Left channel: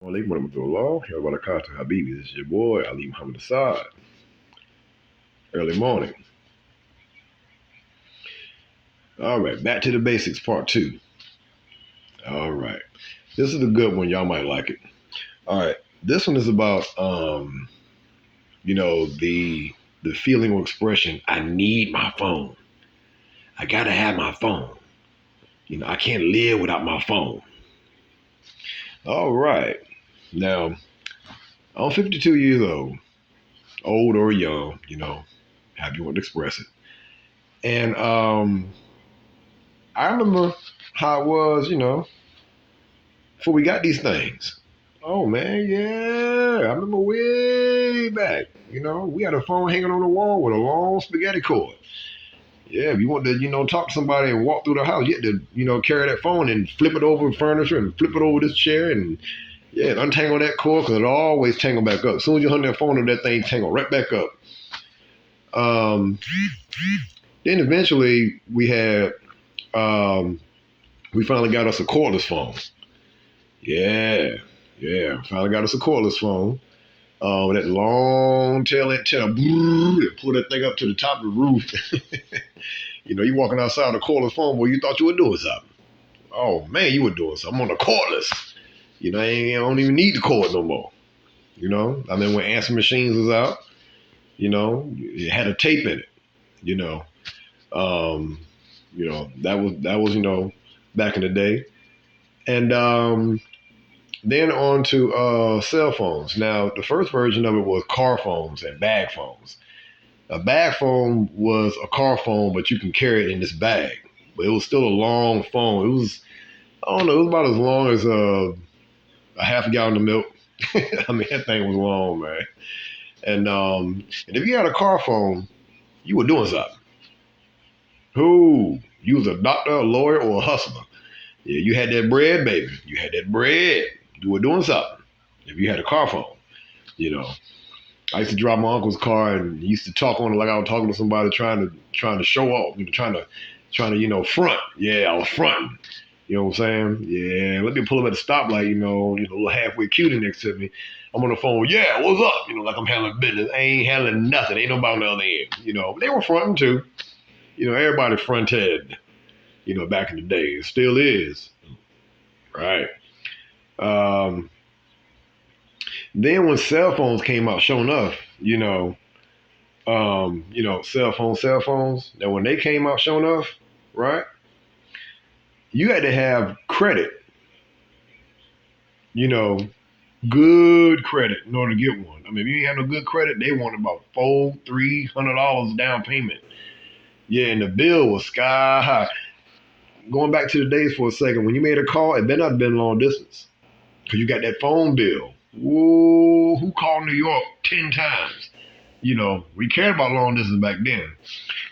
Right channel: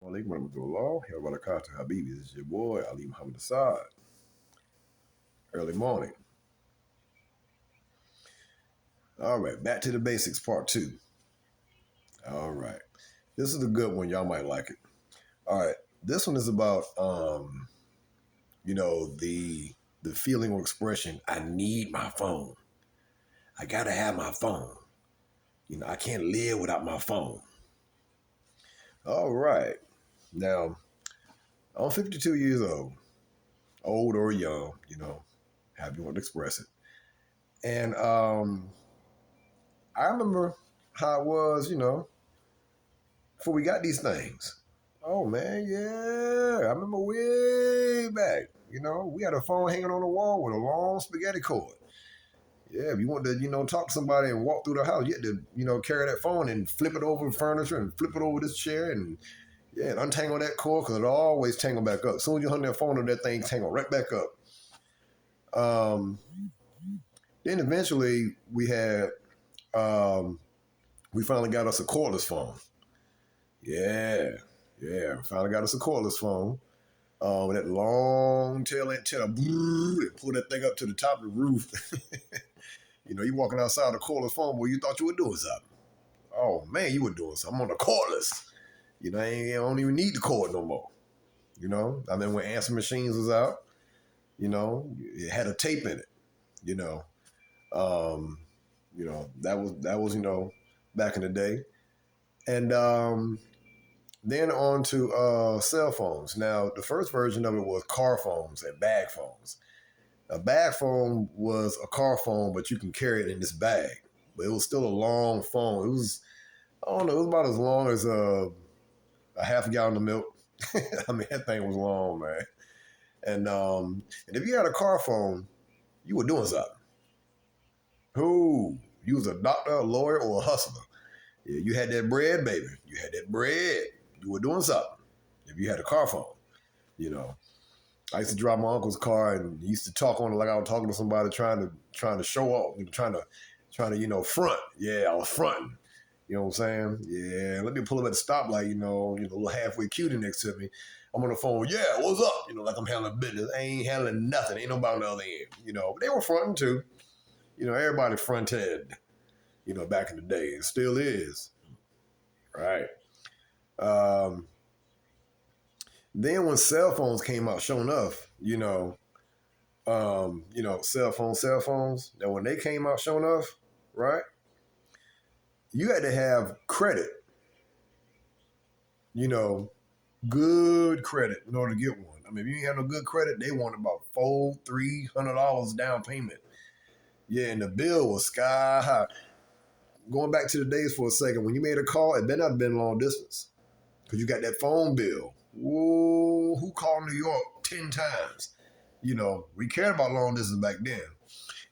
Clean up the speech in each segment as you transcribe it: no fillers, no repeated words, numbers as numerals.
Alaikum warahmatullah. Wa barakatuh, Habibi. This is your boy, Ali Mohamed. Early morning. All right, back to the basics, part two. All right. This is a good one. Y'all might like it. All right. This one is about the feeling or expression, I need my phone. I gotta have my phone. I can't live without my phone. All right. Now, I'm 52 years old or young, however you want to express it. And I remember how it was, before we got these things. Oh man, yeah. I remember way back. We had a phone hanging on the wall with a long spaghetti cord. Yeah, if you want to, talk to somebody and walk through the house, you had to, carry that phone and flip it over furniture and flip it over this chair and yeah, and untangle that cord because it always tangle back up. As soon as you hung that phone up, that thing tangle right back up. Um, then eventually we finally got us a cordless phone. Yeah, yeah. Finally got us a cordless phone. With that long tail antenna, and pull that thing up to the top of the roof. You walking outside a cordless phone, boy, you thought you were doing something. Oh man, you were doing something. I'm on a cordless. I don't even need the cord no more. I mean, when answering machines was out, it had a tape in it. You know, um, that was back in the day, and then on to cell phones. Now, the first version of it was car phones and bag phones. A bag phone was a car phone, but you can carry it in this bag. But it was still a long phone. It was, I don't know, it was about as long as a half a gallon of milk. I mean, that thing was long, man. And if you had a car phone, you were doing something. Who? You was a doctor, a lawyer, or a hustler. Yeah, you had that bread, baby. You had that bread. You were doing something. If you had a car phone, you know. I used to drive my uncle's car and he used to talk on it like I was talking to somebody trying to show off, trying to front. Yeah, I was fronting. You know what I'm saying? Yeah, let me pull up at the stoplight, a little halfway cutie next to me. I'm on the phone, yeah, what's up? Like I'm handling business. I ain't handling nothing. Ain't nobody on the other end. But they were fronting too. Everybody fronted, back in the day. It still is. Right. Um, then when cell phones came out, sure enough, cell phones, that when they came out, sure enough, right? You had to have credit, you know, good credit in order to get one. I mean, if you ain't have no good credit, they wanted about $300 down payment. Yeah, and the bill was sky high. Going back to the days for a second, when you made a call, it better not have been long distance. Because you got that phone bill. Whoa, who called New York 10 times? We cared about long distance back then.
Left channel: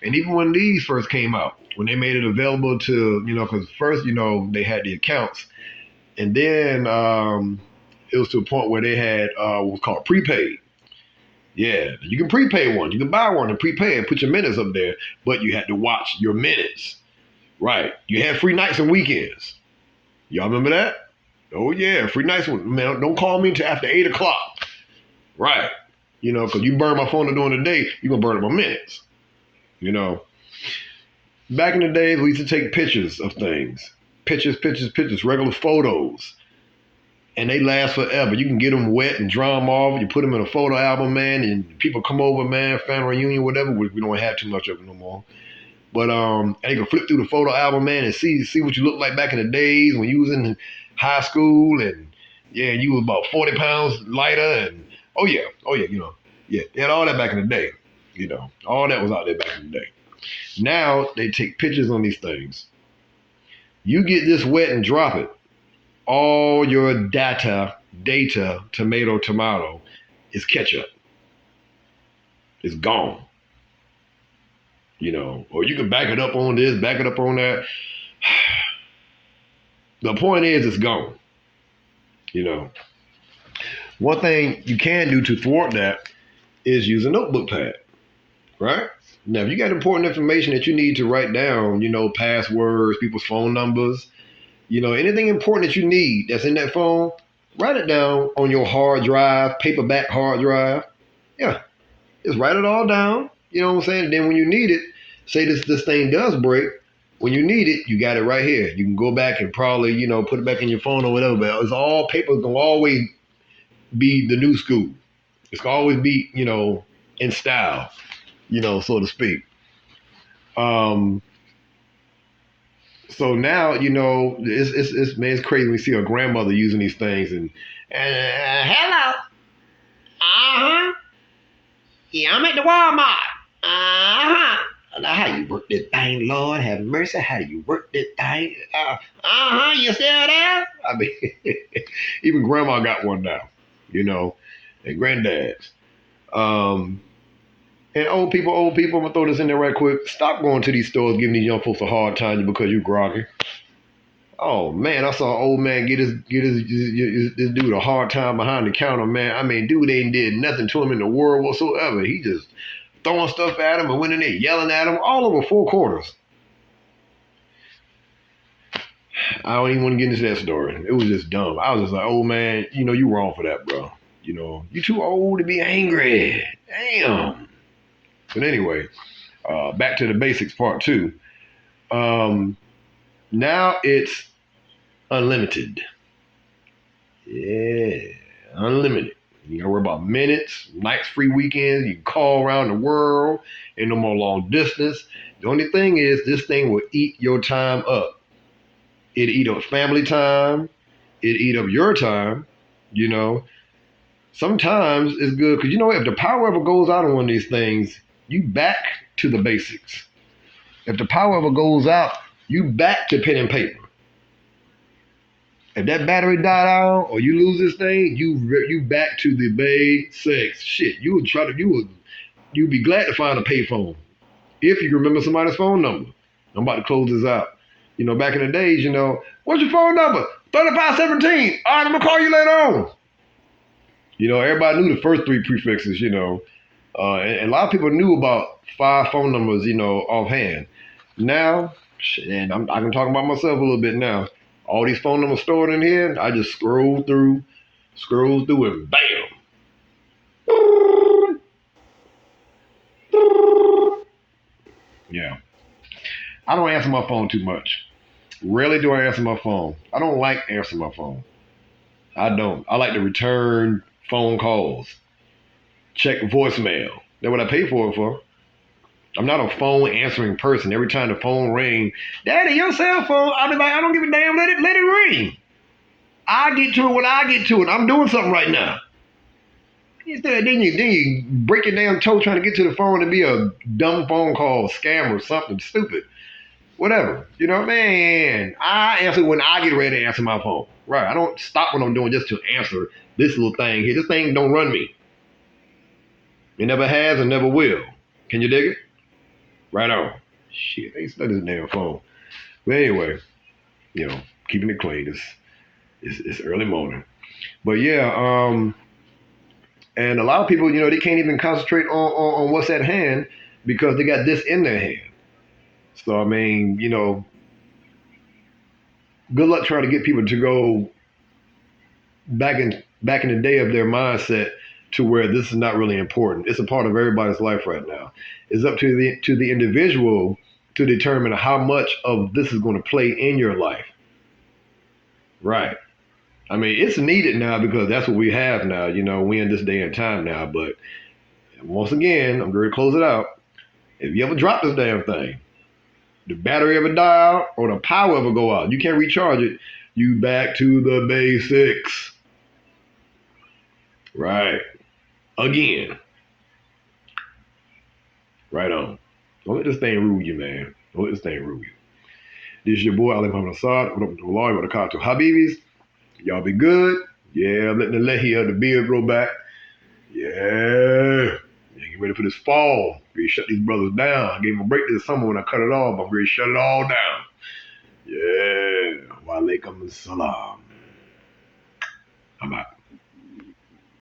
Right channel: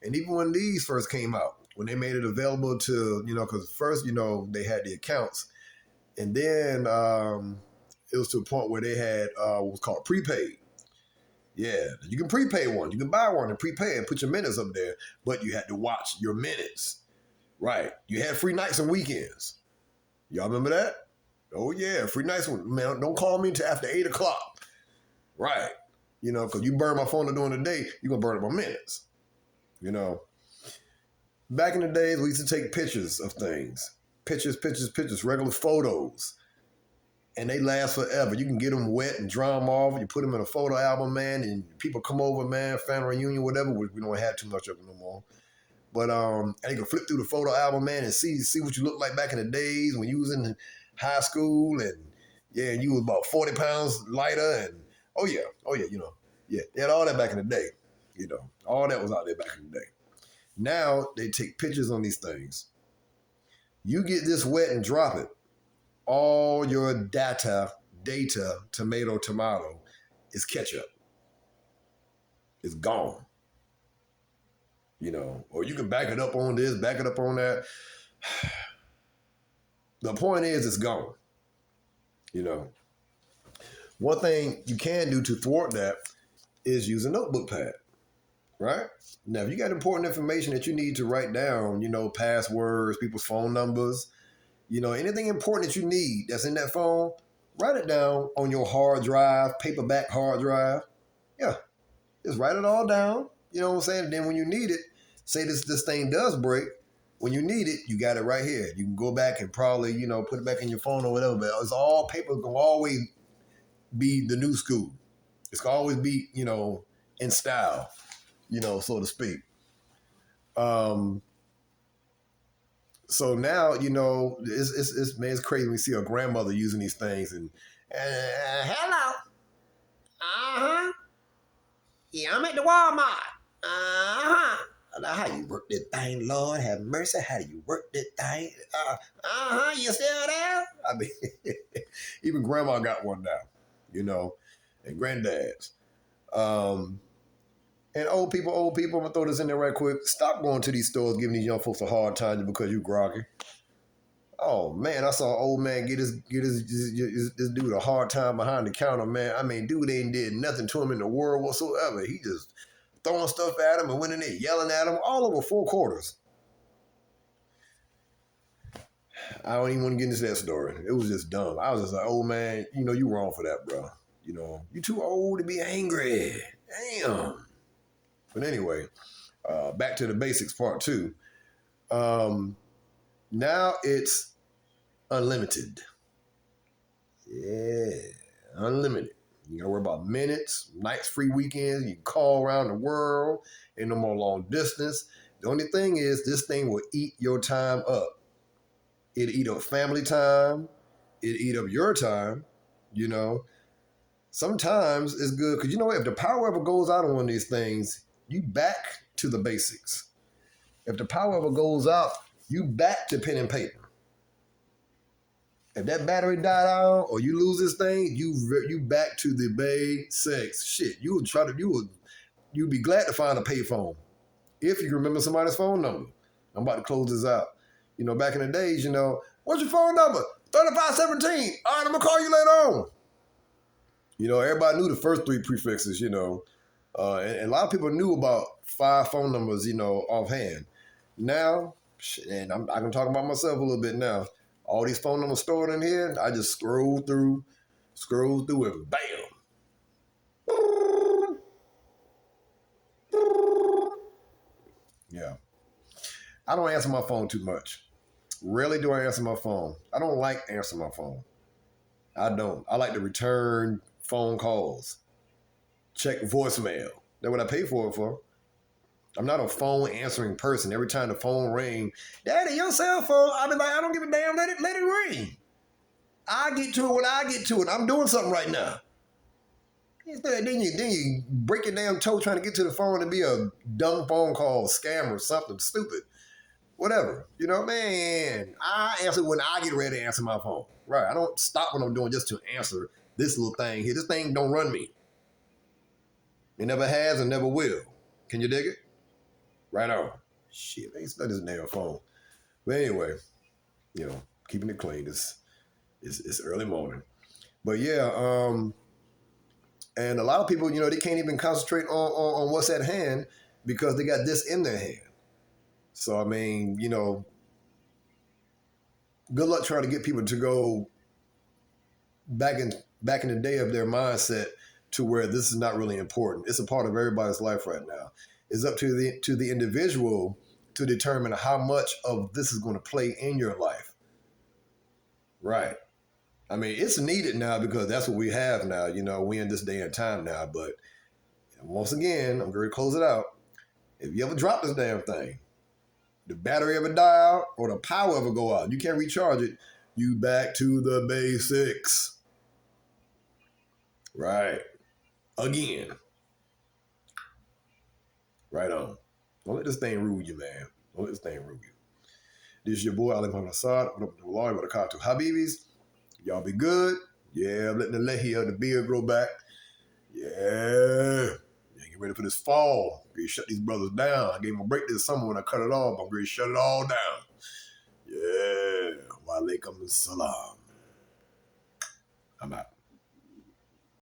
And even when these first came out, when they made it available to, because first, they had the accounts. And then it was to a point where they had what's called prepaid. Yeah, you can prepay one. You can buy one and prepay and put your minutes up there, but you had to watch your minutes. Right. You had free nights and weekends. Y'all remember that? Oh, yeah, free nights. Man, don't call me until after 8 o'clock. Right. Because you burn my phone during the day, you're going to burn up my minutes. Back in the days, we used to take pictures of things. Pictures, regular photos. And they last forever. You can get them wet and dry them off. You put them in a photo album, man, and people come over, man, family reunion, whatever. We don't have too much of it no more. But and they can flip through the photo album, man, and see what you looked like back in the days when you was in high school, and yeah, you was about 40 pounds lighter, and yeah, yeah, they had all that back in the day, all that was out there back in the day. Now they take pictures on these things. You get this wet and drop it. All your data, tomato, is ketchup. It's gone. Or you can back it up on this, back it up on that. The point is, it's gone. One thing you can do to thwart that is use a notebook pad, right? Now, if you got important information that you need to write down, passwords, people's phone numbers, anything important that you need that's in that phone, Write it down on your hard drive, paperback hard drive. Yeah, just write it all down. You know what I'm saying? And then when you need it, say this thing does break. When you need it, you got it right here. You can go back and probably, put it back in your phone or whatever. But it's all paper. It's gonna always be the new school. It's gonna always be, in style, so to speak. So now, it's crazy when we see a grandmother using these things and hello. Uh-huh. Yeah, I'm at the Walmart. Uh-huh. How you work that thing, Lord have mercy? How do you work that thing? You still there? I mean, even grandma got one now, and granddads. And old people, I'm gonna throw this in there right quick. Stop going to these stores giving these young folks a hard time because you groggy. Oh man, I saw an old man get this dude a hard time behind the counter, man. I mean, dude ain't did nothing to him in the world whatsoever. He just throwing stuff at him and went in there yelling at him all over 4 quarters. I don't even want to get into that story. It was just dumb. I was just like, oh man, you wrong for that, bro. You too old to be angry. Damn. But anyway, back to the basics part 2. Now it's unlimited. Yeah, unlimited. You gotta worry about minutes, nights, free weekends. You can call around the world. Ain't no more long distance. The only thing is this thing will eat your time up. It'll eat up family time. It'll eat up your time, Sometimes it's good because, if the power ever goes out on one of these things, you back to the basics. If the power ever goes out, you back to pen and paper. If that battery die out or you lose this thing, you back to the basics. Shit, you'd be glad to find a payphone if you can remember somebody's phone number. I'm about to close this out. Back in the days, what's your phone number? 3517. All right, I'm gonna call you later on. Everybody knew the first 3 prefixes, and a lot of people knew about 5 phone numbers, offhand. Now, and I can talk about myself a little bit now. All these phone numbers stored in here, I just scroll through, and bam. Yeah. I don't answer my phone too much. Rarely do I answer my phone. I don't like answering my phone. I don't. I like to return phone calls. Check voicemail. That's what I pay for it for. I'm not a phone answering person. Every time the phone rings, Daddy, your cell phone, I'll be like, I don't give a damn, let it ring. I get to it when I get to it. I'm doing something right now. Instead, then you break your damn toe trying to get to the phone and be a dumb phone call, scam or something stupid. Whatever. Man, I answer when I get ready to answer my phone. Right. I don't stop what I'm doing just to answer this little thing here. This thing don't run me. It never has and never will. Can you dig it? Right on. Shit, I ain't stuck this damn phone. But anyway, keeping it clean. It's early morning. But yeah, and a lot of people, they can't even concentrate on what's at hand because they got this in their hand. So I mean, good luck trying to get people to go back in the day of their mindset to where this is not really important. It's a part of everybody's life right now. It's up to the individual to determine how much of this is going to play in your life. Right. I mean, it's needed now because that's what we have now. We in this day and time now. But once again, I'm going to close it out. If you ever drop this damn thing, the battery ever die out or the power ever go out, you can't recharge it, you back to the basics. Right. Again. Right on. Don't let this thing rule you, man. Don't let this thing rule you. This is your boy, Ali Mohamed. What up with the lawyer with the car to Habibis. Y'all be good. Yeah, I'm letting the lehi of the beard grow back. Yeah. Get ready for this fall. Ready to shut these brothers down. I gave them a break this summer when I cut it off, but I'm ready to shut it all down. Yeah. Wa alaikum salam. I'm out.